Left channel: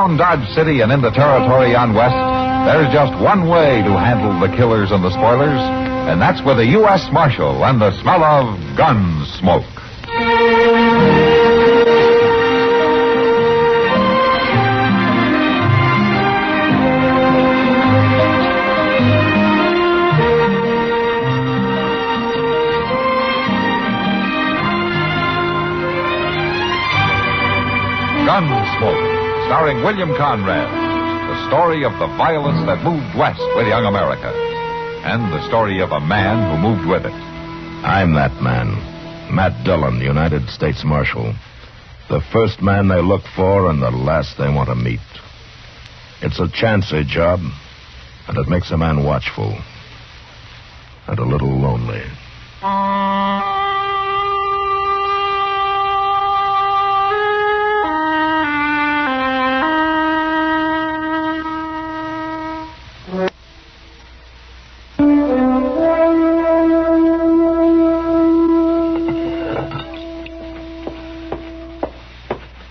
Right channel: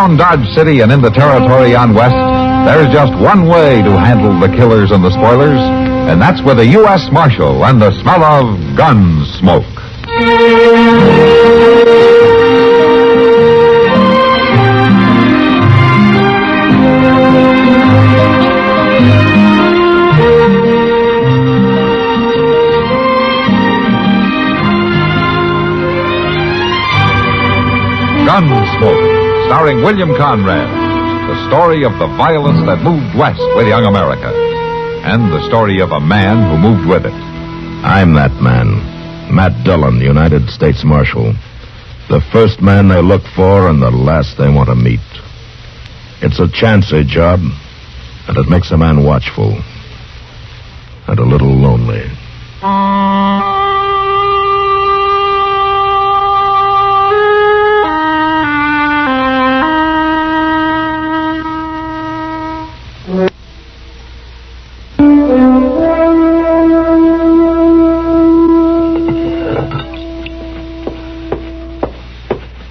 Around Dodge City and in the territory on West, there's just one way to handle the killers and the spoilers, and that's with a U.S. Marshal and the smell of Gunsmoke. Gunsmoke, starring William Conrad, the story of the violence that moved west with young America, and the story of a man who moved with it. I'm that man, Matt Dillon, the United States Marshal. The first man they look for and the last they want to meet. It's a chancy job, and it makes a man watchful and a little lonely.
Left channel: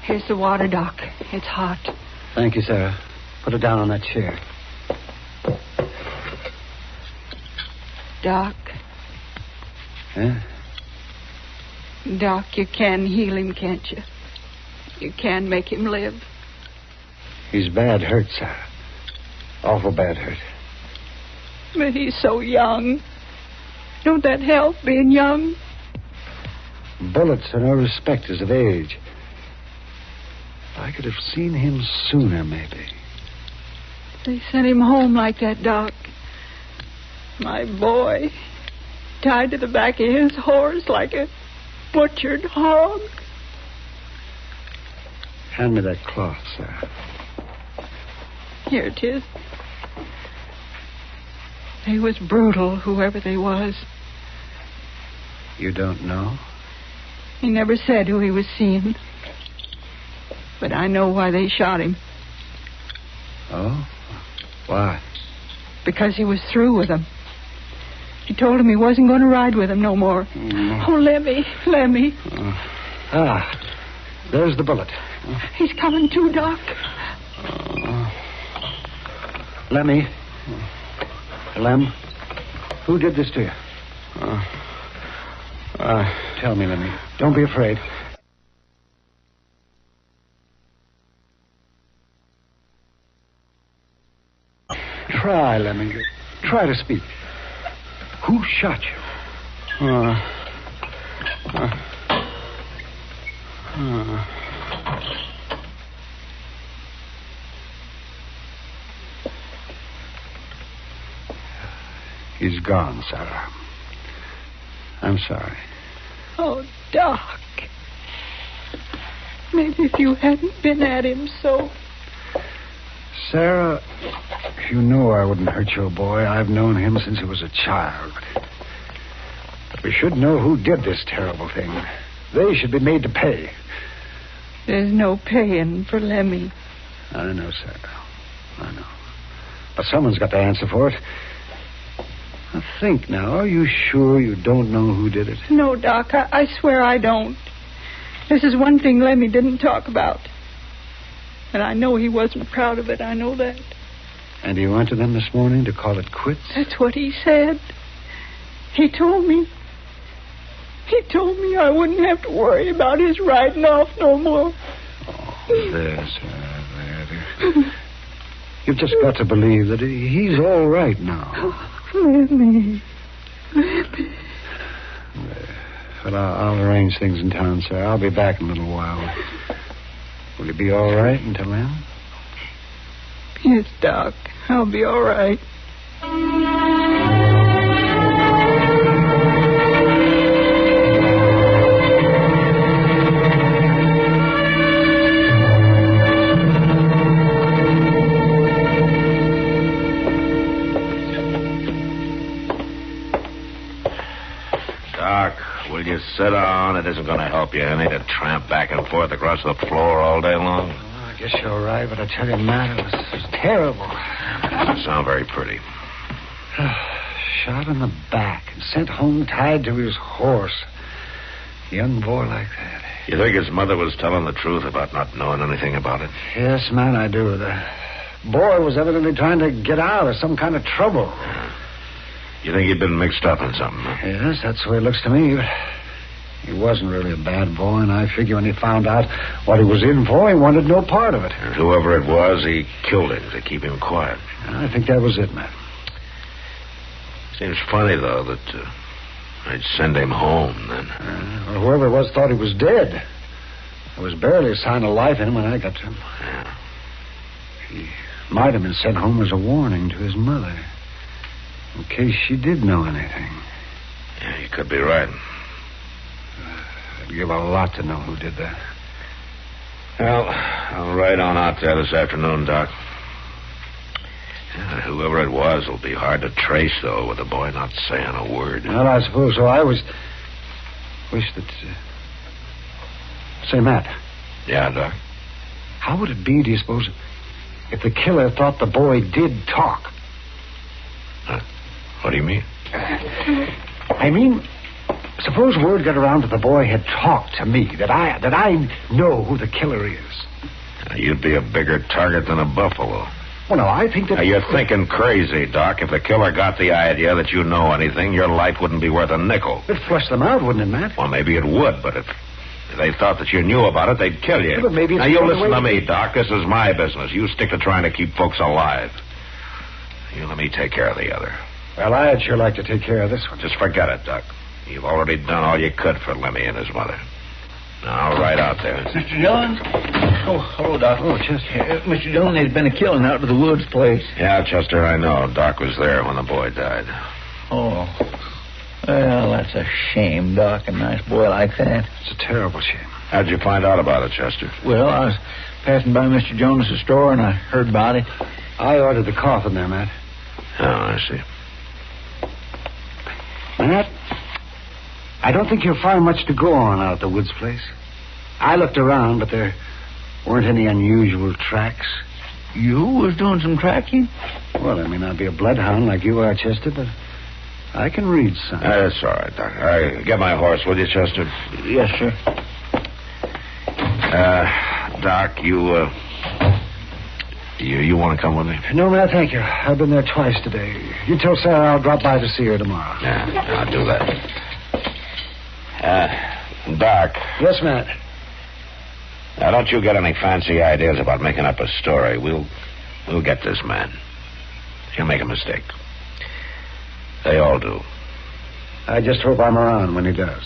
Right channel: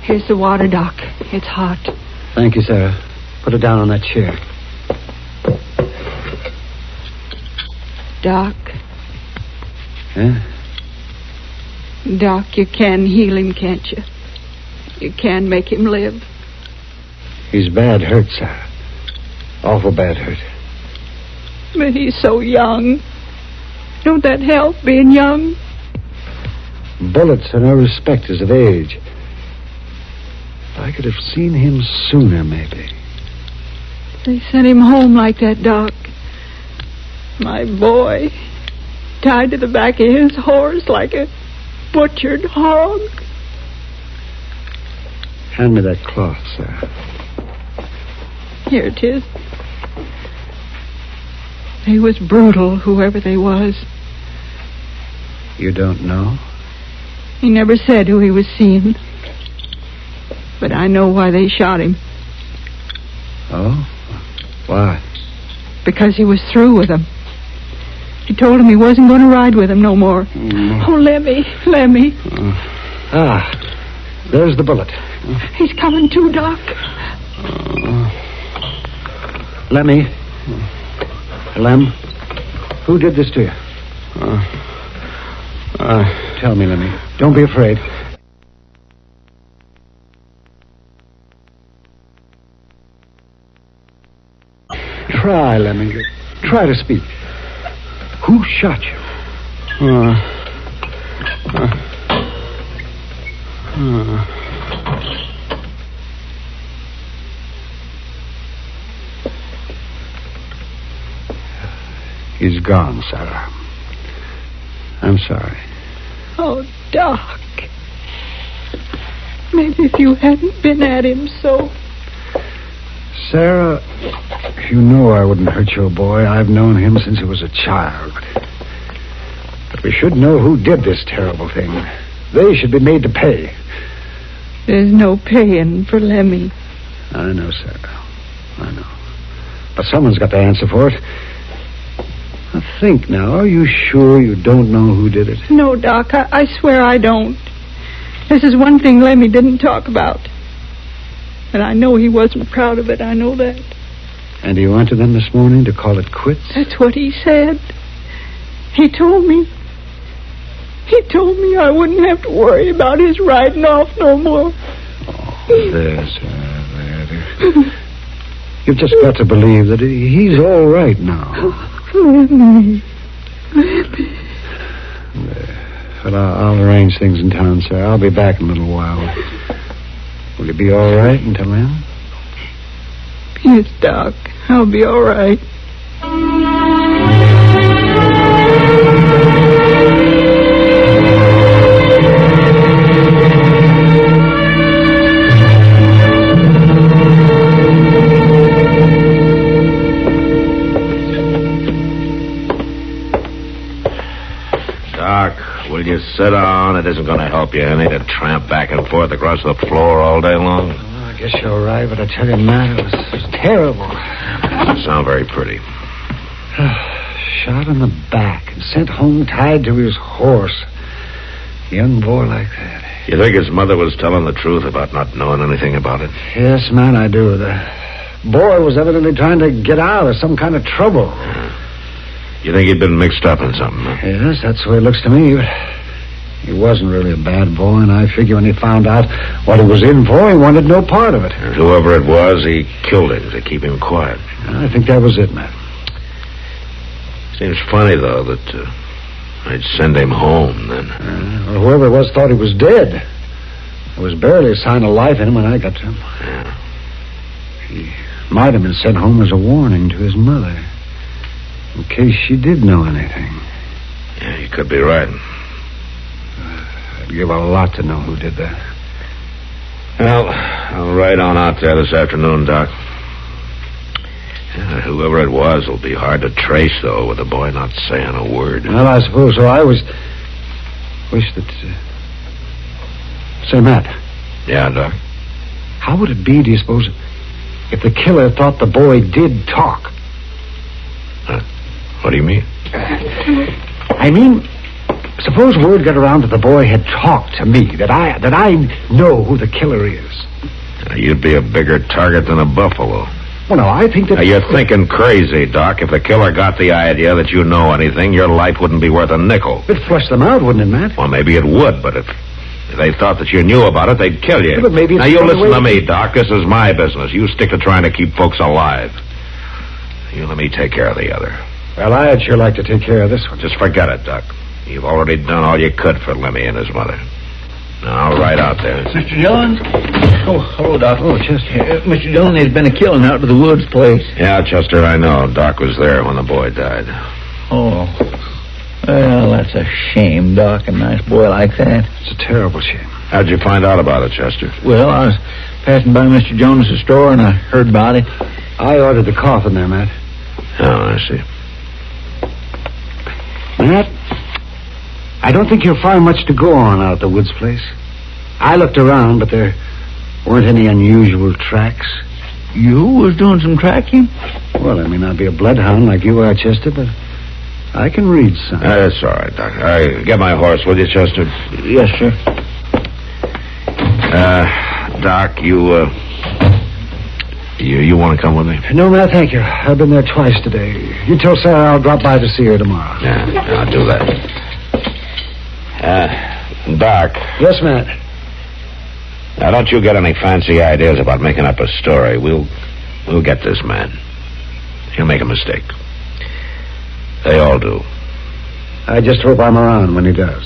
Here's the water, Doc. It's hot. Thank you, Sarah. Put it down on that chair. Doc. Huh? Doc, you can heal him, can't you? You can make him live. He's bad hurt, Sarah. Awful bad hurt. But he's so young. Don't that help, being young? Bullets are no respecters of age. I could have seen him sooner, maybe. They sent him home like that, Doc. My boy. Tied to the back of his horse like a butchered hog. Hand me that cloth, Sarah. Here it is. They was brutal, whoever they was. You don't know? He never said who he was seeing. But I know why they shot him. Oh? Why? Because he was through with them. He told him he wasn't going to ride with him no more. Oh, let me. There's the bullet. He's coming too, Doc. Lemmy. Lem, who did this to you? Tell me, Lemmy. Don't be afraid. Try, Lemmy. Try to speak. Who shot you? He's gone, Sarah. I'm sorry. Oh, Doc. Maybe if you hadn't been at him so... Sarah, you know I wouldn't hurt your boy. I've known him since he was a child. But we should know who did this terrible thing. They should be made to pay. There's no paying for Lemmy. I know, Sarah. I know. But someone's got to answer for it. Now think now. Are you sure you don't know who did it? No, Doc. I swear I don't. This is one thing Lemmy didn't talk about. And I know he wasn't proud of it. I know that. And he went to them this morning to call it quits? That's what he said. He told me I wouldn't have to worry about his riding off no more. Oh, there, Sarah, there. You've just got to believe that he's all right now. Lemmy. Well, I'll arrange things in town, sir. I'll be back in a little while. Will you be all right until then? Yes, Doc. I'll be all right. Doc, will you sit down? It isn't going to help you any to tramp back and forth across the floor all day long. I guess you're right, but I tell you, Matt, it was terrible. Doesn't sound very pretty. Shot in the back and sent home tied to his horse. A young boy like that. You think his mother was telling the truth about not knowing anything about it? Yes, man, I do. The boy was evidently trying to get out of some kind of trouble. You think he'd been mixed up in something? Huh? Yes, that's the way it looks to me. But he wasn't really a bad boy, and I figure when he found out what he was in for, he wanted no part of it. And whoever it was, he killed him to keep him quiet. I think that was it, man. Seems funny, though, that I'd send him home then. Well, whoever it was thought he was dead. There was barely a sign of life in him when I got to him. Yeah. He might have been sent home as a warning to his mother, in case she did know anything. Yeah, you could be right. I'd give a lot to know who did that. Well, I'll ride on out there this afternoon, Doc. Yeah, whoever it was will be hard to trace, though, with the boy not saying a word. Well, I suppose so. I wish that... Say, Matt. Yeah, Doc? How would it be, do you suppose, if the killer thought the boy did talk? What do you mean? I mean, suppose word got around that the boy had talked to me, that I know who the killer is. You'd be a bigger target than a buffalo. Well, no, I think that... Now, you're thinking crazy, Doc. If the killer got the idea that you know anything, your life wouldn't be worth a nickel. It'd flush them out, wouldn't it, Matt? Well, maybe it would, but if they thought that you knew about it, they'd kill you. Yeah, but maybe it's now, you the only listen way to me, Doc. This is my business. You stick to trying to keep folks alive. You let me take care of the other. Well, I'd sure like to take care of this one. Just forget it, Doc. You've already done all you could for Lemmy and his mother. Now, I'll ride out there. Mr. Dillon? Oh, hello, Doc. Oh, Chester. Mr. Dillon, there's been a killing out to the woods place. Yeah, Chester, I know. Doc was there when the boy died. Oh. Well, that's a shame, Doc. A nice boy like that. It's a terrible shame. How'd you find out about it, Chester? Well, I was passing by Mr. Jonas's store, and I heard about it. I ordered the coffin there, Matt. Oh, I see. Matt, I don't think you'll find much to go on out at the woods place. I looked around, but there weren't any unusual tracks. You was doing some tracking? Well, I may not be a bloodhound like you are, Chester, but I can read some. That's all right, Doc. Get my horse, will you, Chester? Yes, sir. Doc, you want to come with me? No, Matt, thank you. I've been there twice today. You tell Sarah I'll drop by to see her tomorrow. Yeah, I'll do that. Doc. Yes, Matt. Now, don't you get any fancy ideas about making up a story. We'll get this man. He'll make a mistake. They all do. I just hope I'm around when he does.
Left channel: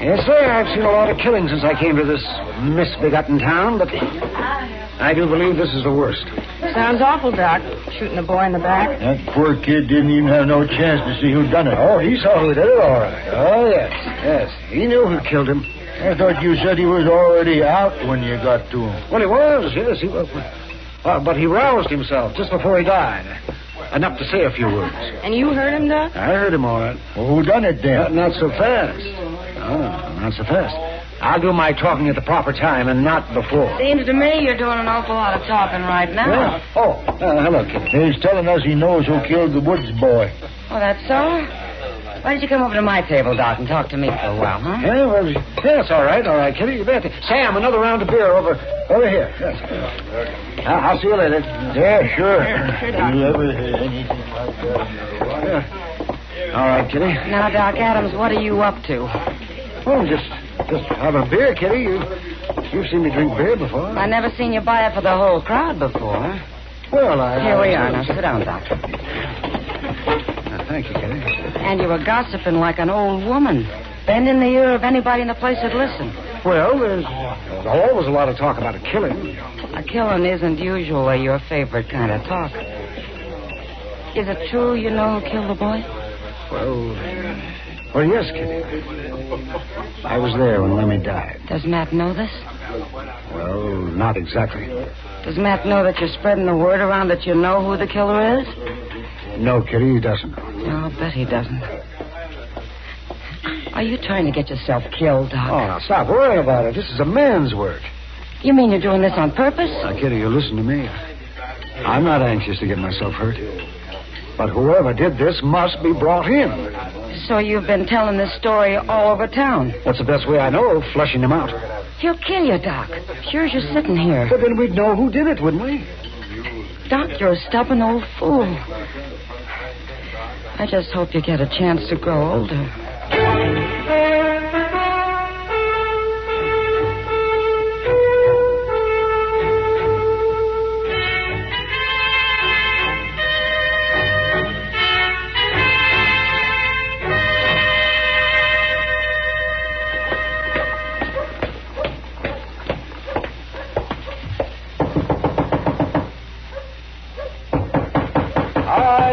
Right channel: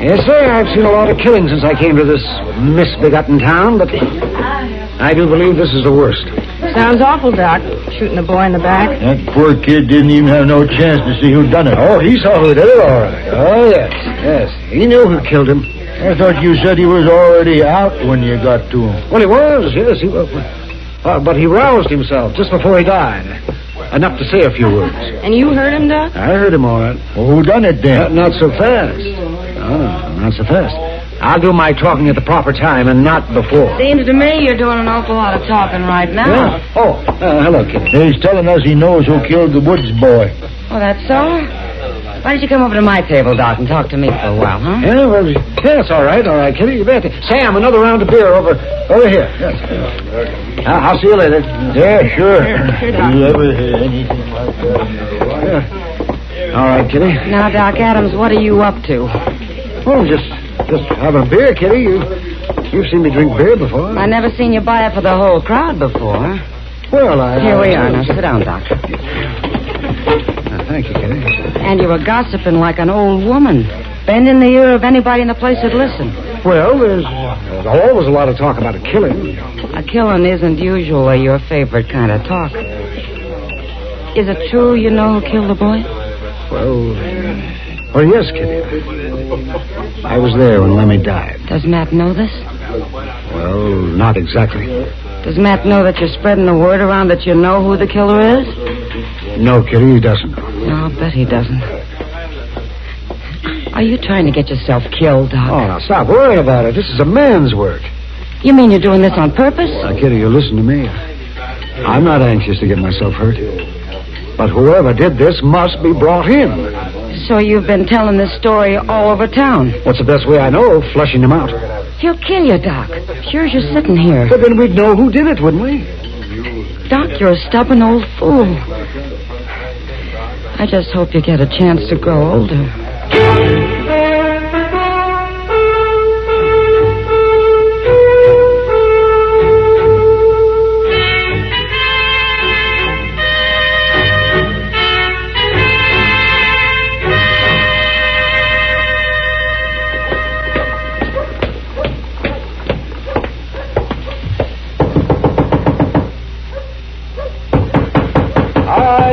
Yes, sir, I've seen a lot of killings since I came to this misbegotten town, but I do believe this is the worst. Sounds awful, Doc. Shooting a boy in the back. That poor kid didn't even have no chance to see who done it. Oh, he saw who did it, all right. Oh, yes. He knew who killed him. I thought you said he was already out when you got to him. Well, he was, yes. He was. But he roused himself just before he died. Enough to say a few words. And you heard him, Doc? I heard him all right. Well, who done it then? Not so fast. Oh, not so fast. I'll do my talking at the proper time and not before. Seems to me you're doing an awful lot of talking right now. Yeah. Oh, hello, kid. He's telling us he knows who killed the Woods boy. Oh, that's so? Why don't you come over to my table, Doc, and talk to me for a while, huh? Yeah, well, yes, all right, Kitty, you bet. Sam, another round of beer over here. Yes. I'll see you later. Yeah, sure. Sure, Doc. You ever heard anything like that? Yeah. All right, Kitty. Now, Doc Adams, what are you up to? Oh, just having a beer, Kitty. You've seen me drink beer before. I never seen you buy it for the whole crowd before. Well, Here we are. Now, sit down, Doc. Thank you, Kitty. And you were gossiping like an old woman, bending the ear of anybody in the place that listened. Well, there's always a lot of talk about a killing. A killing isn't usually your favorite kind of talk. Is it true you know who killed the boy? Well, yes, Kitty. I was there when Lemmy died. Does Matt know this? Well, not exactly. Does Matt know that you're spreading the word around that you know who the killer is? No, Kitty, he doesn't. No, I'll bet he doesn't. Are you trying to get yourself killed, Doc? Oh, now stop worrying about it. This is a man's work. You mean you're doing this on purpose? Now, Kitty, you listen to me. I'm not anxious to get myself hurt. But whoever did this must be brought in. So you've been telling this story all over town? What's the best way I know of flushing him out? He'll kill you, Doc. Sure as you're sitting here. But then we'd know who did it, wouldn't we? Doc, you're a stubborn old fool. I just hope you get a chance to grow older.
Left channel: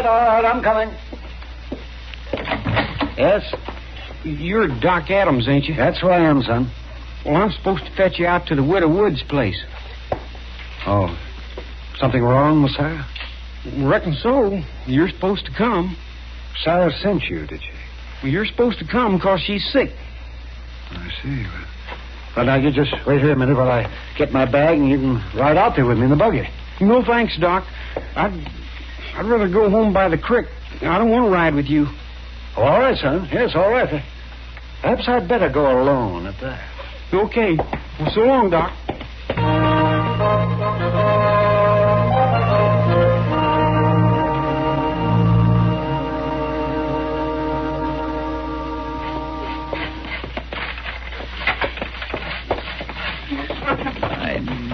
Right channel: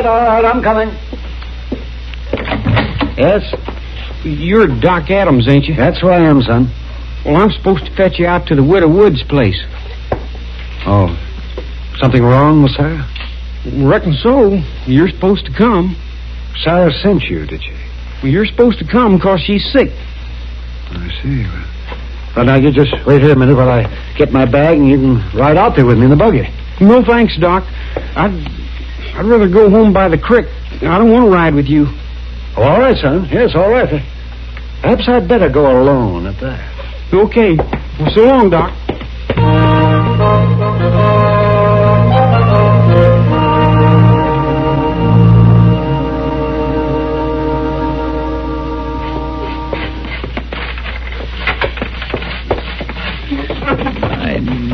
All right, I'm coming. Yes? You're Doc Adams, ain't you? That's who I am, son. Well, I'm supposed to fetch you out to the Widow Wood's place. Oh, something wrong with Sarah? Reckon so. You're supposed to come. Sarah sent you, did she? Well, you're supposed to come because she's sick. I see. Well, now, you just wait here a minute while I get my bag and you can ride out there with me in the buggy. No, thanks, Doc. I'd rather go home by the creek. I don't want to ride with you. Oh, all right, son. Yes, all right. Perhaps I'd better go alone at that. Okay. Well, so long, Doc.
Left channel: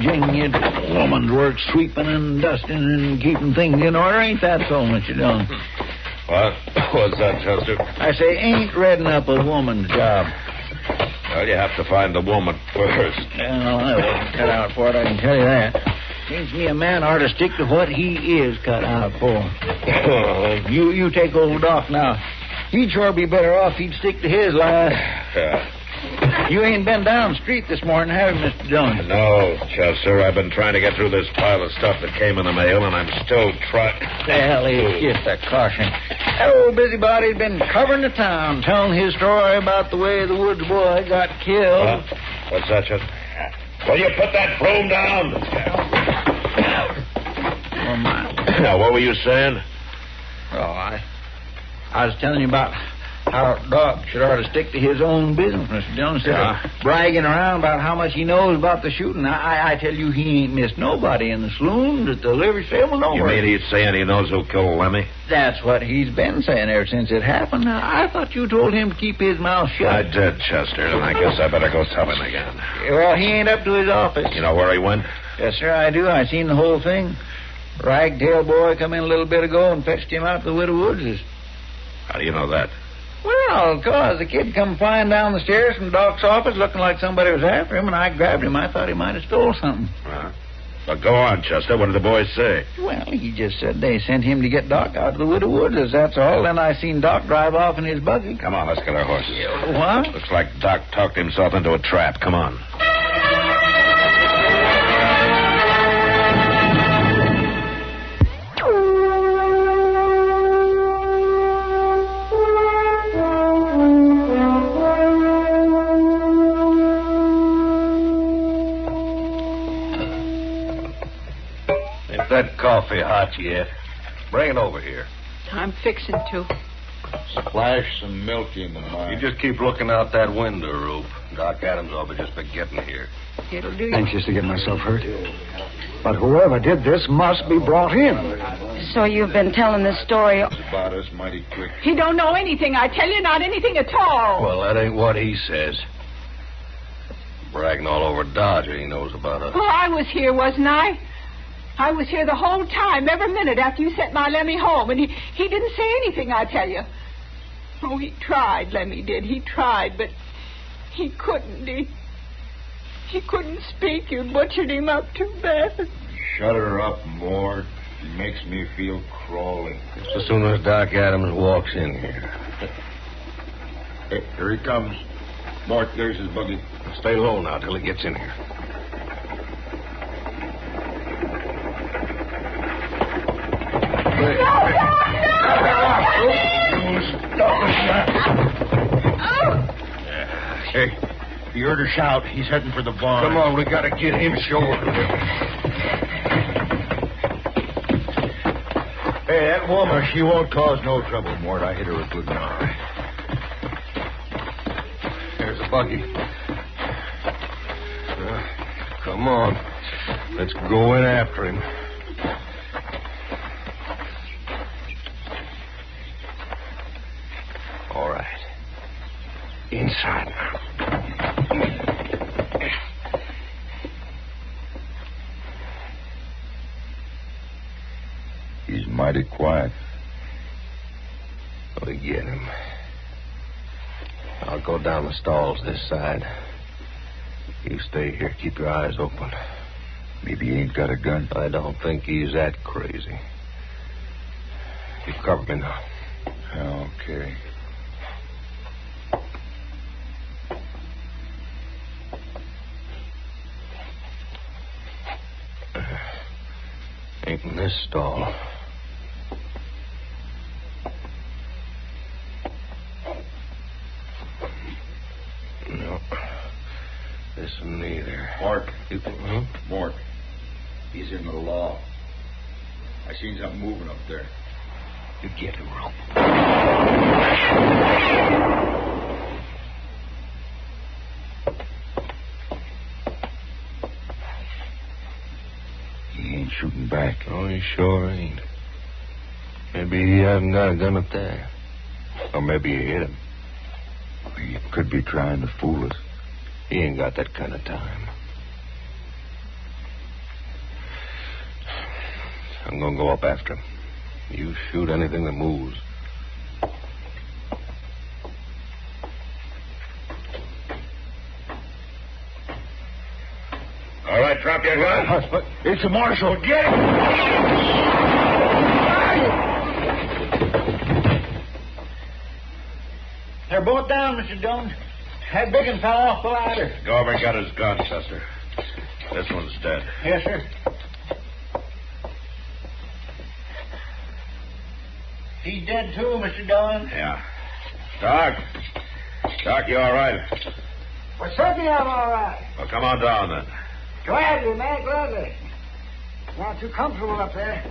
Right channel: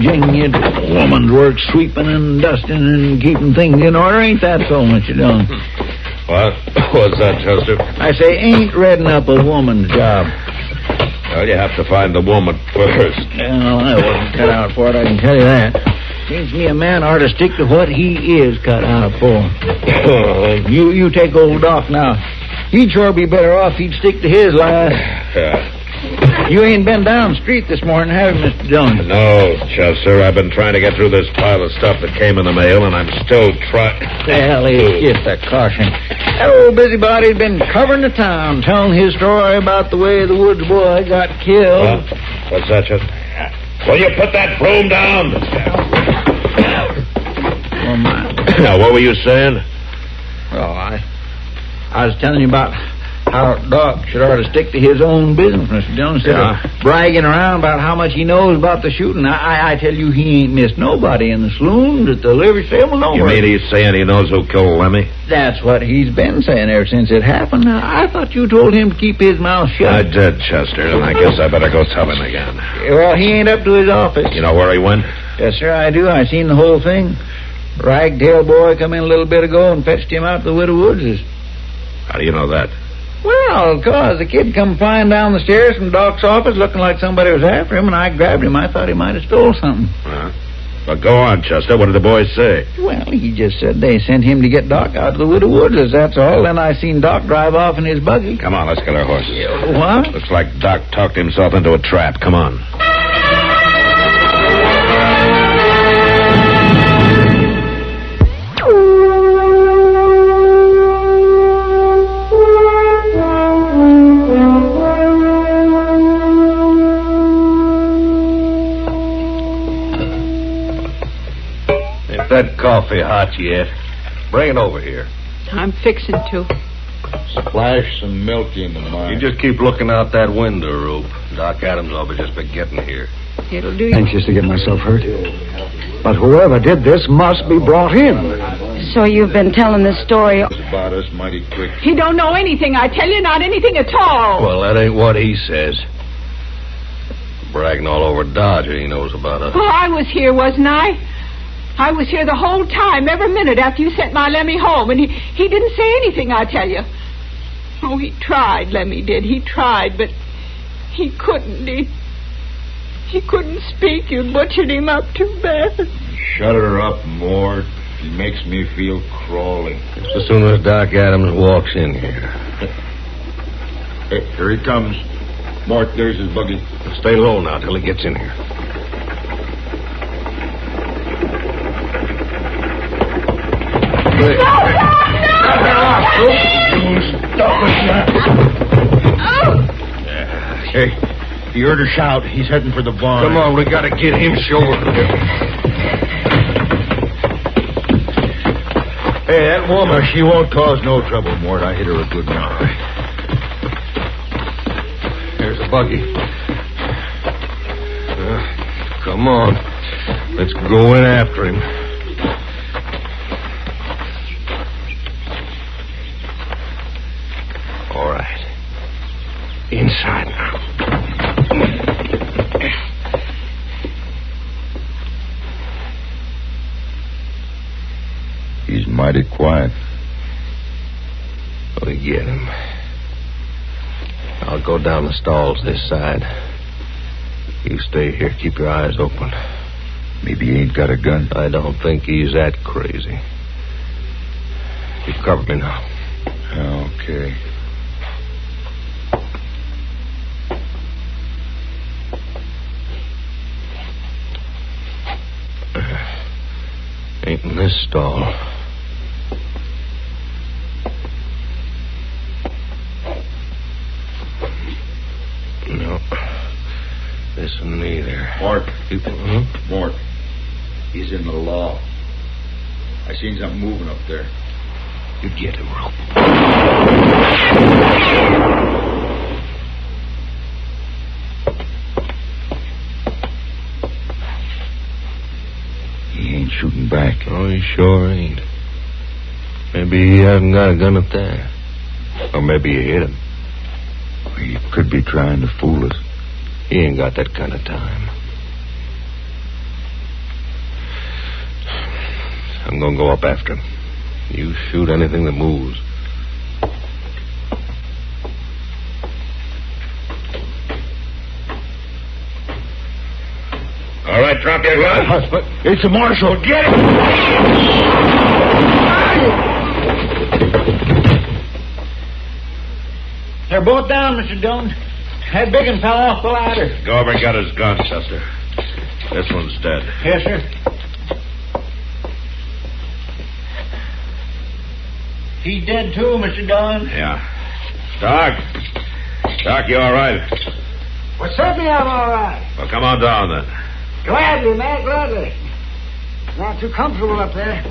Jing, it's woman's work, sweeping and dusting and keeping things in order. Ain't that so, Mr. Dillon? What? What's that, Chester? I say, ain't redding up a woman's job. Well, you have to find the woman first. Well, I wasn't cut out for it, I can tell you that. Seems to me a man ought to stick to what he is cut out for. You take old Doc now. He'd sure be better off if he'd stick to his line. Yeah. You ain't been down the street this morning, have you, Mr. Dillon? No, Chester. I've been trying to get through this pile of stuff that came in the mail, and I'm still trying. Well, it's just a caution. That old busybody's been covering the town, telling his story about the way the Woods boy got killed. What's that, Chester? Will you put that broom down? Oh, my. Now, what were you saying? Well, I was telling you about how Doc should ought to stick to his own business, Mr. Dillon, instead of bragging around about how much he knows about the shooting. I tell you, he ain't missed nobody in the saloon, at the livery stable, nowhere. You mean he's saying he knows who killed Lemmy? That's what he's been saying ever since it happened. Now, I thought you told him to keep his mouth shut. I did, Chester, and I guess I better go tell him again. Well, he ain't up to his office. You know where he went? Yes, sir, I do. I seen the whole thing. Ragtail boy come in a little bit ago and fetched him out to the Widow Woods'. How do you know that? Well, 'cause the kid come flying down the stairs from Doc's office looking like somebody was after him, and I grabbed him. I thought he might have stole something. But go on, Chester. What did the boys say? Well, he just said they sent him to get Doc out to the Widow Woods', that's all. Then I seen Doc drive off in his buggy. Come on, let's get our horses. What? Looks like Doc talked himself into a trap. Come on. That coffee hot yet? Bring it over here. I'm fixing to. Splash some milk into mine. You just keep looking out that window, Rope. Doc Adams will be just getting here. It'll do you. Anxious to get myself hurt. But whoever did this must be brought in. So you've been telling this story... About us mighty quick. He don't know anything, I tell you, not anything at all. Well, that ain't what he says. Bragging all over Dodge, he knows about us. Well, I was here, wasn't I? I was here the whole time, every minute after you sent my Lemmy home, and he didn't say anything, I tell you. Oh, he tried, Lemmy did. He tried, but he couldn't. He couldn't speak. You butchered him up too bad. Shut her up, Mort. She makes me feel crawling. Just as soon as Doc Adams walks in here. Hey, here he comes. Mort, there's his buggy. Stay low now till he gets in here. Hey, you heard her shout. He's heading for the barn. Come on, we gotta get him sure. Hey, that woman, she won't cause no trouble, Mort. I hit her a good one. There's a buggy. Come on. Let's go in after him. All right. Inside now. He's mighty quiet. We get him. I'll go down the stalls this side. You stay here. Keep your eyes open. Maybe he ain't got a gun. I don't think he's that crazy. You cover me now. Okay. Ain't in this stall. No. This one neither. Mort. Hmm? Mort. He's in the law. I seen something moving up there. You get him, Rope. He ain't shooting back. Oh, he sure ain't. Maybe he hasn't got a gun up there. Or maybe you hit him. He could be trying to fool us. He ain't got that kind of time. I'm gonna go up after him. You shoot anything that moves. All right, drop your gun. It's the marshal. Get him! They're both down, Mr. Dillon. That big one fell off the ladder. Go over and get his gun, Chester. This one's dead. Yes, sir. He's dead too, Mr. Dillon. Yeah. Doc. Doc, you all right? Well, certainly I'm all right. Well, come on down then. Gladly, Matt, gladly. Not too comfortable up there.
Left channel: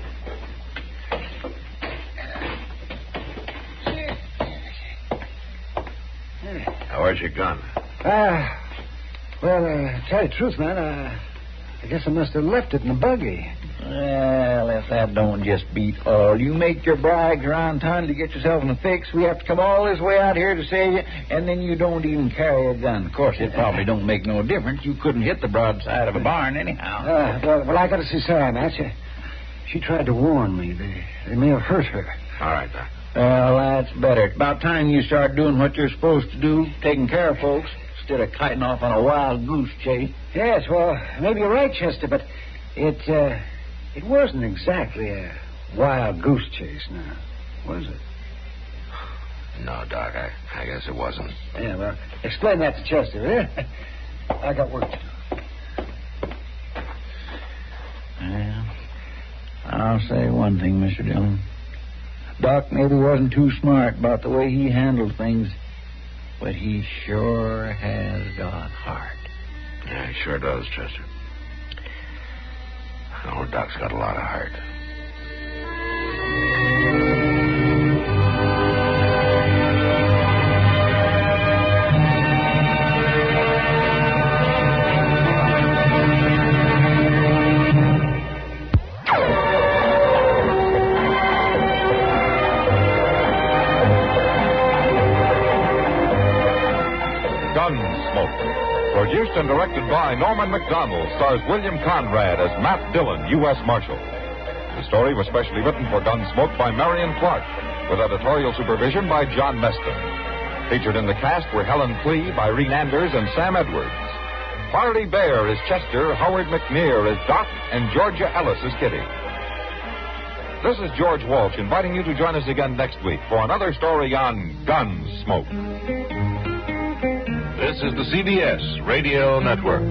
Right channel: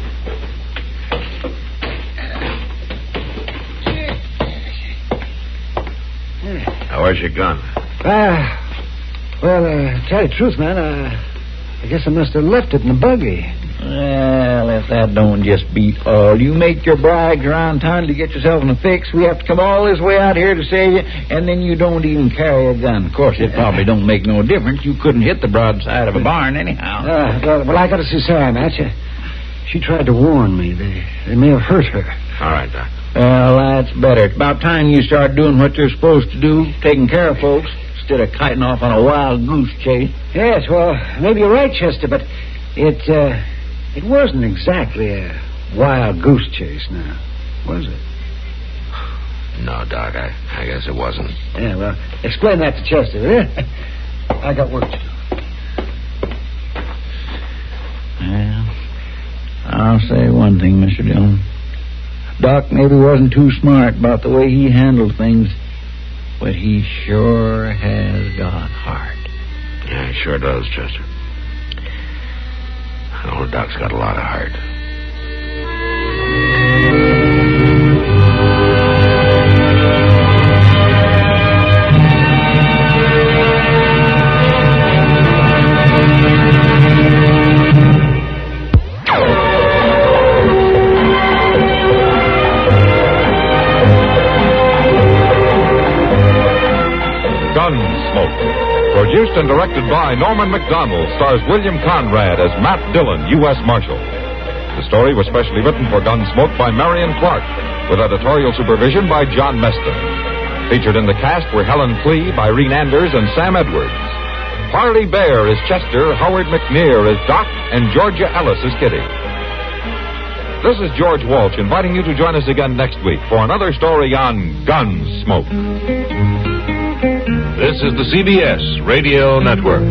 Now, where's your gun? Well, tell you the truth, man, I guess I must have left it in the buggy. Well, if that don't just beat all. You make your brags around town to get yourself in a fix. We have to come all this way out here to save you, and then you don't even carry a gun. Of course, it probably don't make no difference. You couldn't hit the broadside of a barn anyhow. Well, I got to see Sarah, Matt. She tried to warn me. They may have hurt her. All right, Doc. Well, that's better. It's about time you start doing what you're supposed to do, taking care of folks, instead of kiting off on a wild goose chase. Yes, well, maybe you're right, Chester, but it wasn't exactly a wild goose chase now, was it? No, Doc, I guess it wasn't. Yeah, well, explain that to Chester, will you? I got work to do. Well, I'll say one thing, Mr. Dillon. Doc maybe wasn't too smart about the way he handled things, but he sure has got heart. Yeah, he sure does, Chester. Old Doc's got a lot of heart. Gunsmoke. Produced and directed by Norman Macdonnell, stars William Conrad as Matt Dillon, U.S. Marshal. The story was specially written for Gunsmoke by Marion Clark, with editorial supervision by John Meston. Featured in the cast were Helen Klee, Irene Anders, and Sam Edwards. Harley Bear is Chester, Howard McNear is Doc, and Georgia Ellis is Kitty. This is George Walsh inviting you to join us again next week for another story on Gunsmoke. This is the CBS Radio Network.